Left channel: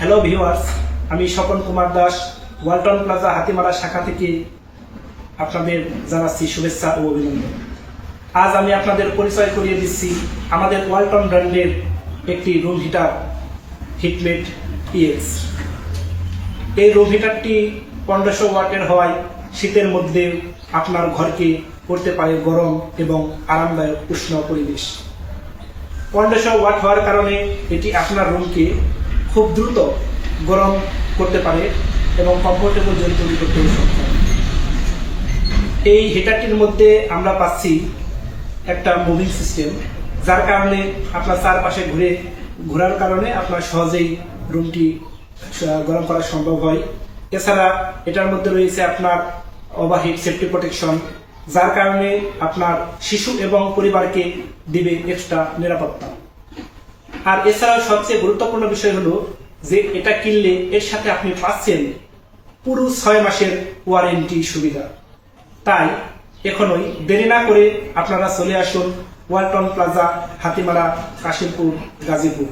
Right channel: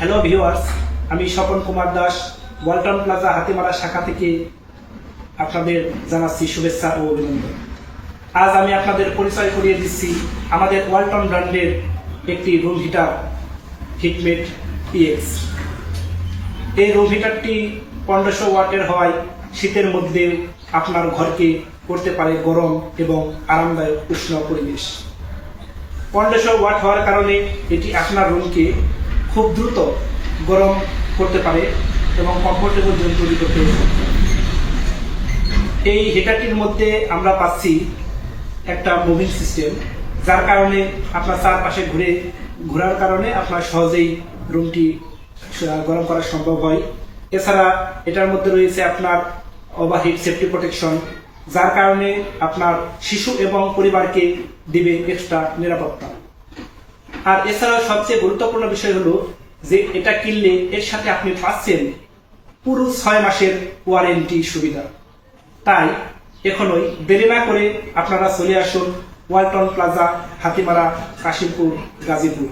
Hello viewers, আমি Swapan Kumar Das Walton plaza Hatimara শাখা থেকে আপনাদের জানাচ্ছি শুভেচ্ছা ও অভিনন্দন। আজ আমি আপনাদের পরিচয় করিয়ে দিচ্ছি আমাদের ওয়ালটন ব্র্যান্ডের একটি রুম হিটার হিটমেট EX। এই রুম হিটারটি 1500 ওয়াটের হওয়ায় শীতের মধ্যে আপনার ঘরকে করতে পারে গরম এবং আরামদায়ক উষ্ণ পরিবেশ। 1500 ওয়াট হওয়ার কারণে এটি আপনার রুমকে খুব দ্রুত গরম করতে পারে এবং কমফোর্টেবল জোন তৈরি করতে সক্ষম। এই হিটারটির মধ্যে আমরা পাচ্ছি একটা মুভিং সিস্টেম, যার কারণে আপনার চারপাশে ঘোরার কারণে আপনার সহজেই রুমটি গরম করা সম্ভব হয়। এছাড়া এটার মধ্যে রয়েছে আপনার ওভারহিট সেফটি প্রোটেকশন, যার কারণে আপনার শিশু এবং পরিবারকে দিবে এক্সট্রা নিরাপত্তা। আর এছাড়াও সবচেয়ে গুরুত্বপূর্ণ বিষয় হলো যে এটা কিনলে এর সাথে আপনি পাচ্ছেন পুরো 6 মাসের ওয়ারেন্টি সুবিধা। তাই এখনই দেরি না করে আপনারা চলে আসুন ওয়ালটন প্লাজা হাতিমারা, কাশিমপুর, গাজীপুর।